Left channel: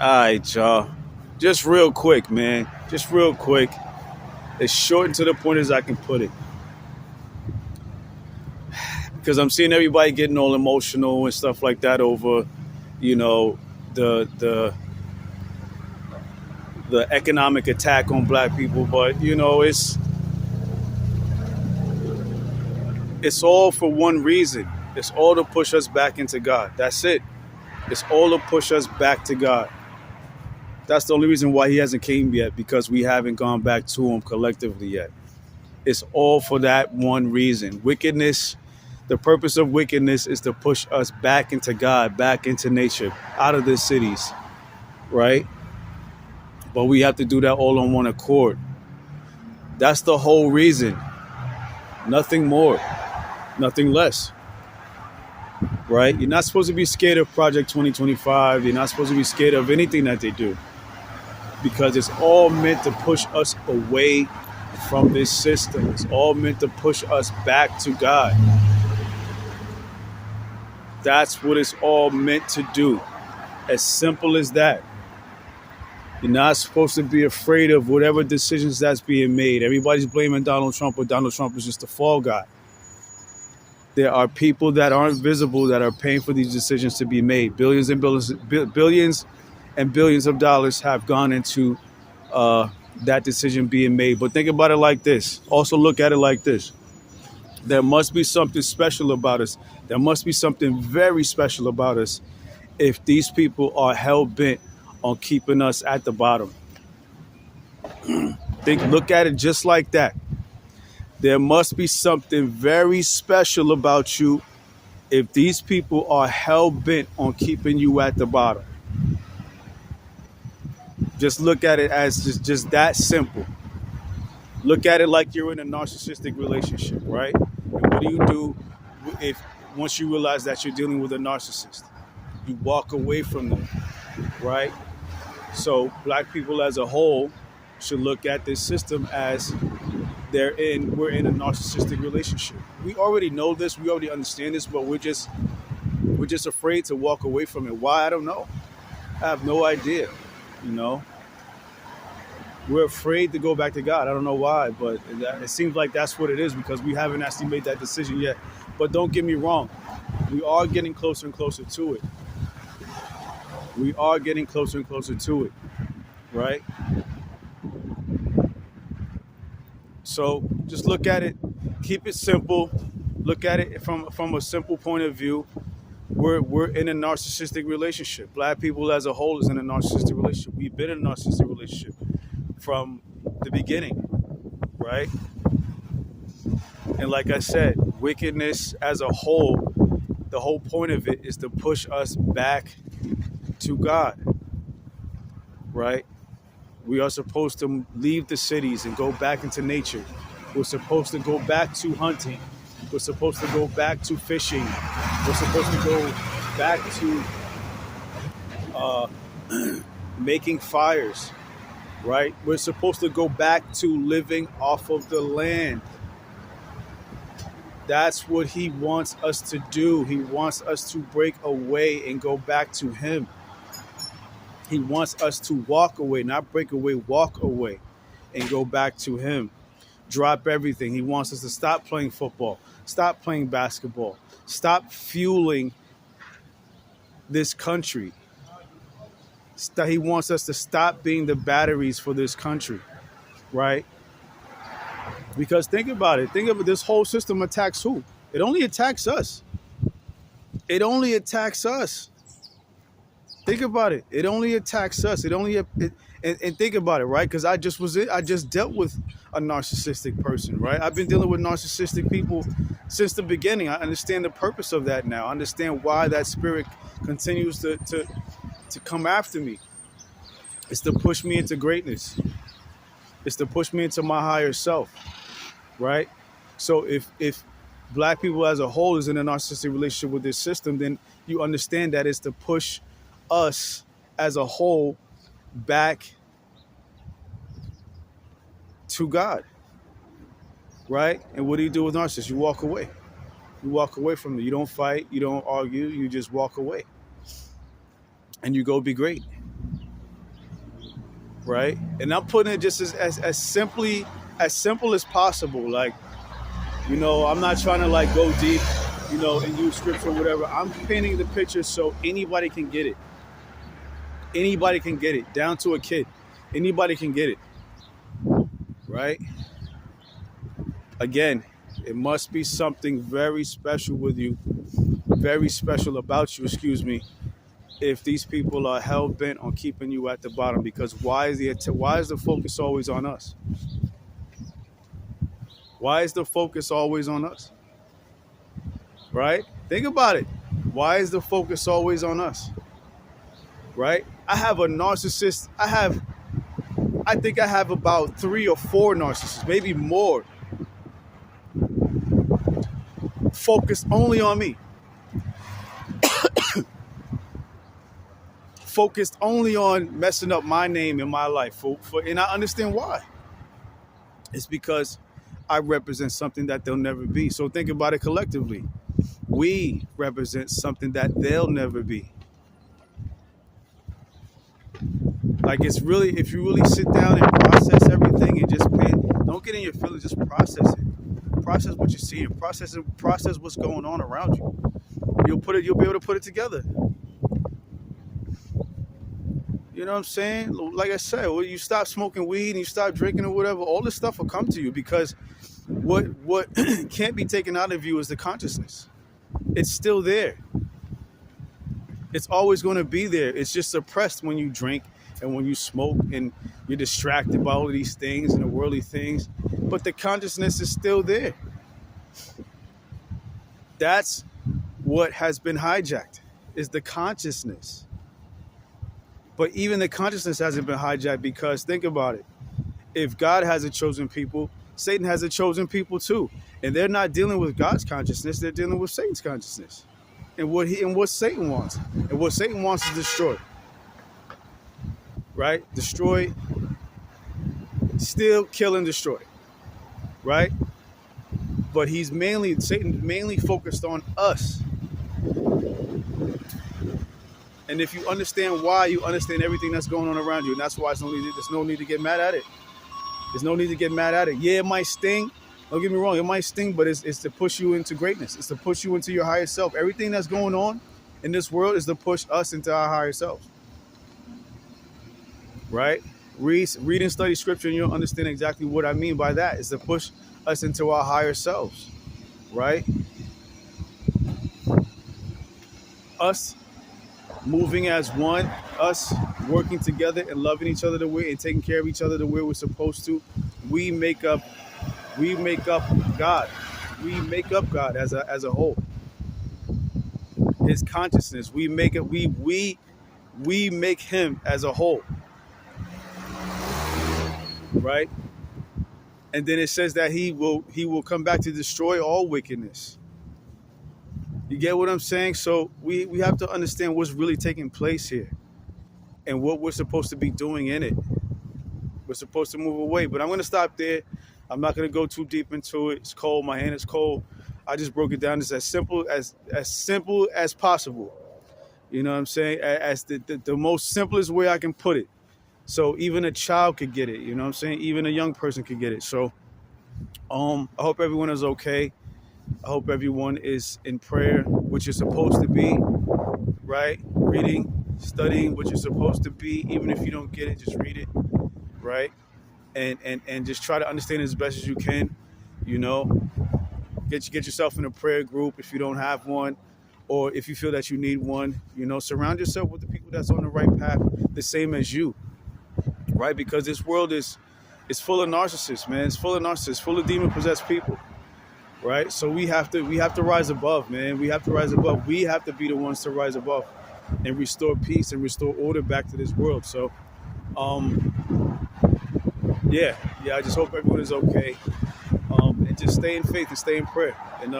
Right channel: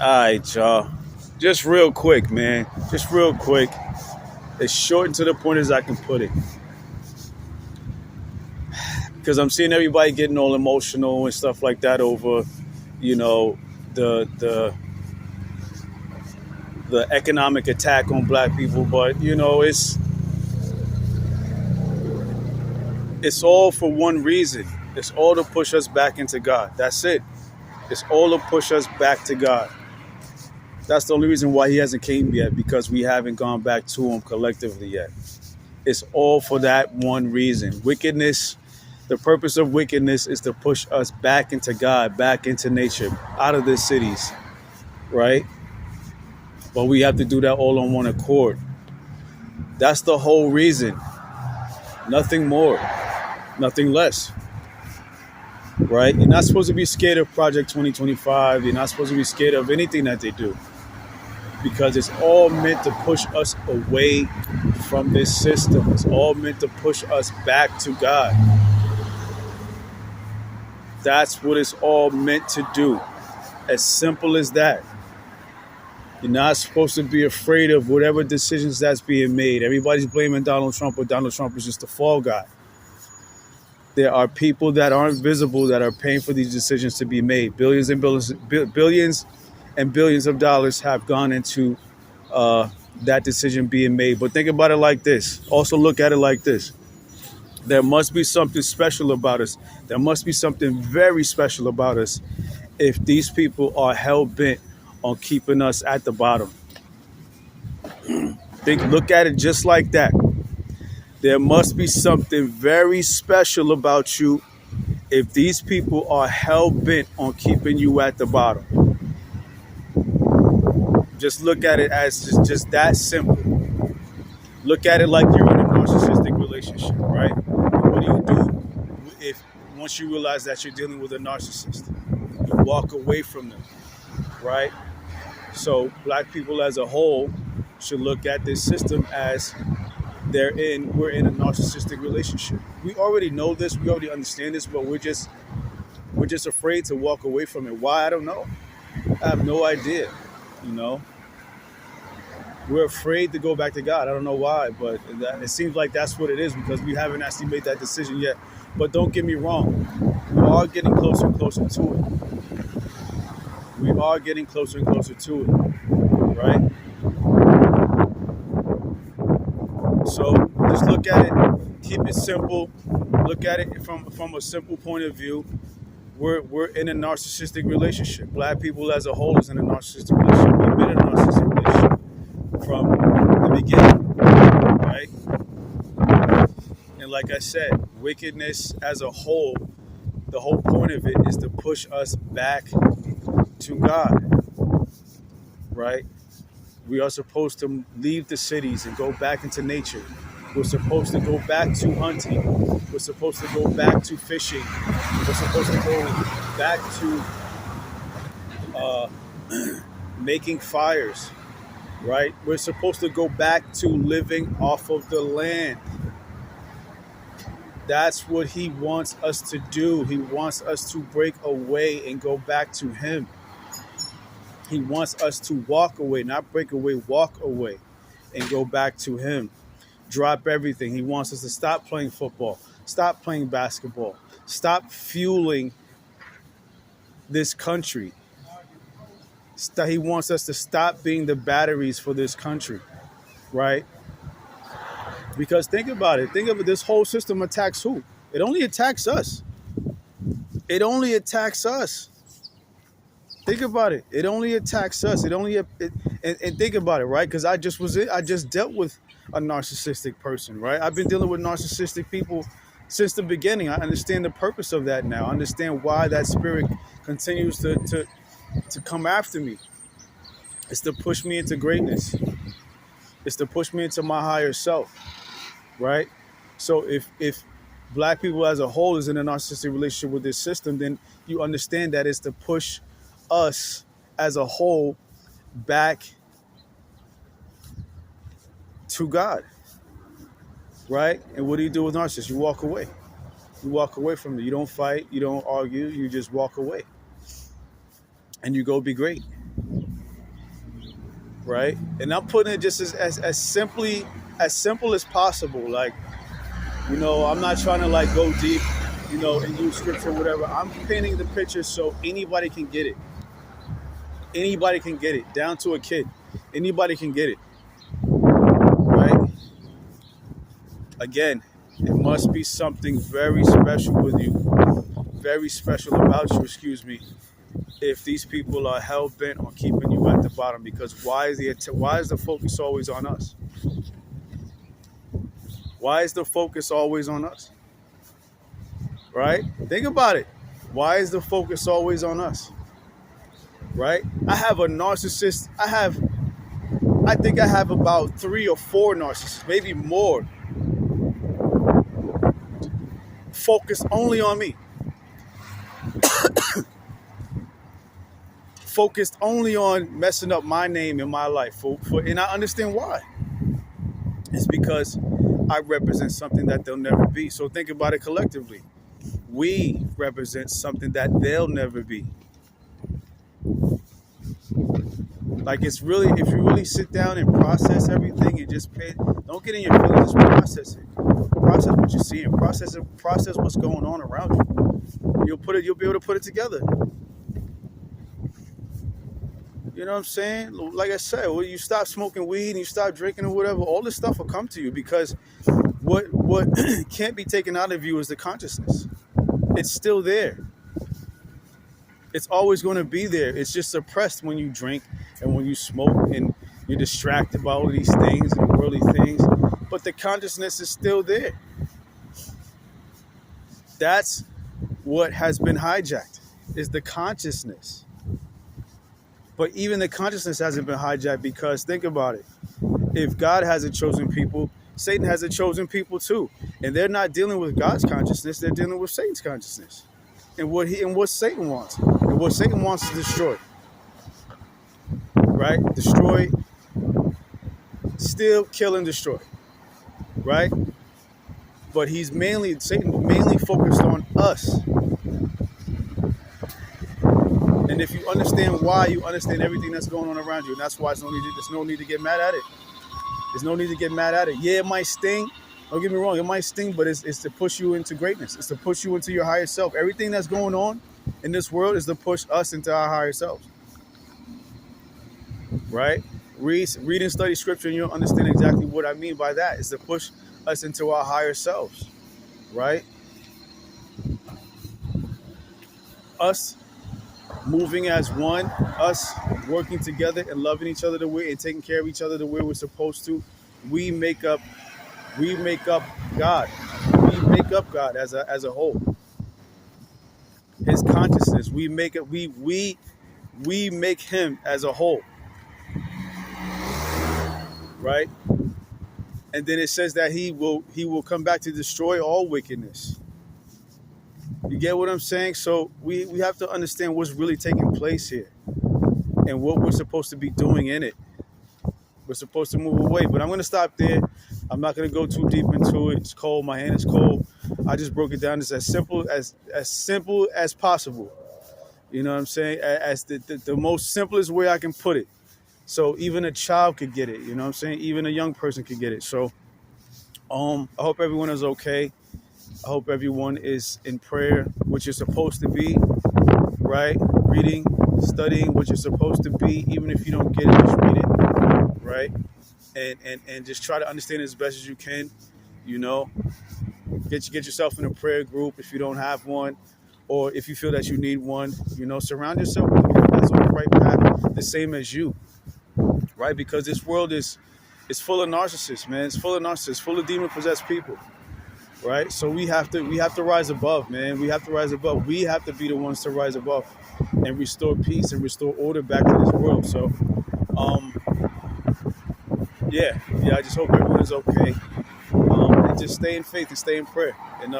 All right, y'all. Just real quick, man. Just real quick. As short and to the point as I can put it. Because I'm seeing everybody getting all emotional and stuff like that over, you know, the the the economic attack on black people. But, it's all for one reason. It's all to push us back into God. That's it. It's all to push us back to God. That's the only reason why he hasn't came yet, because we haven't gone back to him collectively yet. It's all for that one reason. Wickedness, the purpose of wickedness is to push us back into God, back into nature, out of the cities, right? But we have to do that all on one accord. That's the whole reason. Nothing more, nothing less, right? You're not supposed to be scared of Project 2025. You're not supposed to be scared of anything that they do, because it's all meant to push us away from this system. It's all meant to push us back to God. That's what it's all meant to do. As simple as that. You're not supposed to be afraid of whatever decisions that's being made. Everybody's blaming Donald Trump, but Donald Trump is just a fall guy. There are people that aren't visible that are paying for these decisions to be made. Billions and billions of dollars have gone into that decision being made. But think about it like this. Also look at it like this. There must be something special about us. There must be something very special about us if these people are hell-bent on keeping us at the bottom. Look at it just like that. There must be something very special about you if these people are hell-bent on keeping you at the bottom. Just look at it as just that simple. Look at it like you're in a narcissistic relationship, right? What do you do if once you realize that you're dealing with a narcissist? You walk away from them, right? So black people as a whole should look at this system as we're in a narcissistic relationship. We already know this, we already understand this, but we're just afraid to walk away from it. Why? I don't know. I have no idea. We're afraid to go back to God. I don't know why, but it seems like that's what it is, because we haven't actually made that decision yet. But don't get me wrong, we are getting closer and closer to it. We are getting closer and closer to it, right? So just look at it, keep it simple. Look at it from a simple point of view. We're in a narcissistic relationship. Black people as a whole is in a narcissistic relationship. We've been in a narcissistic relationship from the beginning, right? And like I said, wickedness as a whole, the whole point of it is to push us back to God, right? We are supposed to leave the cities and go back into nature. We're supposed to go back to hunting. We're supposed to go back to fishing. We're supposed to go back to making fires, right? We're supposed to go back to living off of the land. That's what he wants us to do. He wants us to break away and go back to him. He wants us to walk away, not break away, walk away and go back to him. Drop everything. He wants us to stop playing football, stop playing basketball, stop fueling this country. He wants us to stop being the batteries for this country, right? Because think about it. Think of it. This whole system attacks who? It only attacks us. It only attacks us. Think about it. It only attacks us. And think about it, right? Because I just dealt with a narcissistic person, right? I've been dealing with narcissistic people since the beginning. I understand the purpose of that now. I understand why that spirit continues to come after me. It's to push me into greatness. It's to push me into my higher self, right? So if black people as a whole is in a narcissistic relationship with this system, then you understand that it's to push us as a whole back to God, right? And what do you do with narcissists? You walk away. You walk away from it. You don't fight. You don't argue. You just walk away. And you go be great. right? And I'm putting it just as simple as possible. Like, I'm not trying to like go deep, and use scripture or whatever. I'm painting the picture so anybody can get it. Anybody can get it, down to a kid. Anybody can get it, right? Again, it must be something very special with you, very special about you, if these people are hell-bent on keeping you at the bottom. Because why is the focus always on us? Why is the focus always on us? Right? Think about it. Why is the focus always on us? Right? I have a narcissist. I think I have about 3 or 4 narcissists, maybe more, focus only on me. Focused only on messing up my name in my life. And I understand why. It's because I represent something that they'll never be. So think about it collectively. We represent something that they'll never be. Like, if you really sit down and process everything and just don't get in your feelings, just process it. Process what you're seeing. Process what's going on around you. You'll be able to put it together. You know what I'm saying? Like I said, when you stop smoking weed and you stop drinking or whatever, all this stuff will come to you, because what can't be taken out of you is the consciousness. It's still there. It's always going to be there. It's just suppressed when you drink and when you smoke and you're distracted by all of these things and worldly things. But the consciousness is still there. That's what has been hijacked, is the consciousness. But even the consciousness hasn't been hijacked, because think about it. If God has a chosen people, Satan has a chosen people too. And they're not dealing with God's consciousness, they're dealing with Satan's consciousness. And what Satan wants. And what Satan wants is destroy. Right? Destroy, steal, kill, and destroy. Right? But Satan mainly focused on us. And if you understand why, you understand everything that's going on around you. And that's why there's no need to get mad at it. There's no need to get mad at it. Yeah, it might sting. Don't get me wrong, it might sting, but it's to push you into greatness. It's to push you into your higher self. Everything that's going on in this world is to push us into our higher self. Right? Read and study scripture and you'll understand exactly what I mean by that. It's to push us into our higher selves. Right? Us moving as one, us working together and loving each other the way and taking care of each other the way we're supposed to. We make up God. We make up God as a whole. His consciousness. We make him as a whole. Right? And then it says that he will come back to destroy all wickedness. You get what I'm saying? So we have to understand what's really taking place here and what we're supposed to be doing in it. We're supposed to move away. But I'm going to stop there. I'm not going to go too deep into it. It's cold. My hand is cold. I just broke it down. It's as simple as possible. You know what I'm saying? As the most simplest way I can put it. So even a child could get it. You know what I'm saying? Even a young person could get it. So I hope everyone is okay. I hope everyone is in prayer, which you're supposed to be, right? Reading, studying what you're supposed to be. Even if you don't get it, just read it, right? And just try to understand it as best as you can, Get yourself in a prayer group if you don't have one, or if you feel that you need one, surround yourself with people that's on the right path, the same as you, right? Because this world is full of narcissists, man. It's full of narcissists, full of demon-possessed people. Right? So we have to rise above, man. We have to rise above. We have to be the ones to rise above and restore peace and restore order back to this world. So, I just hope everyone is okay. And just stay in faith and stay in prayer. And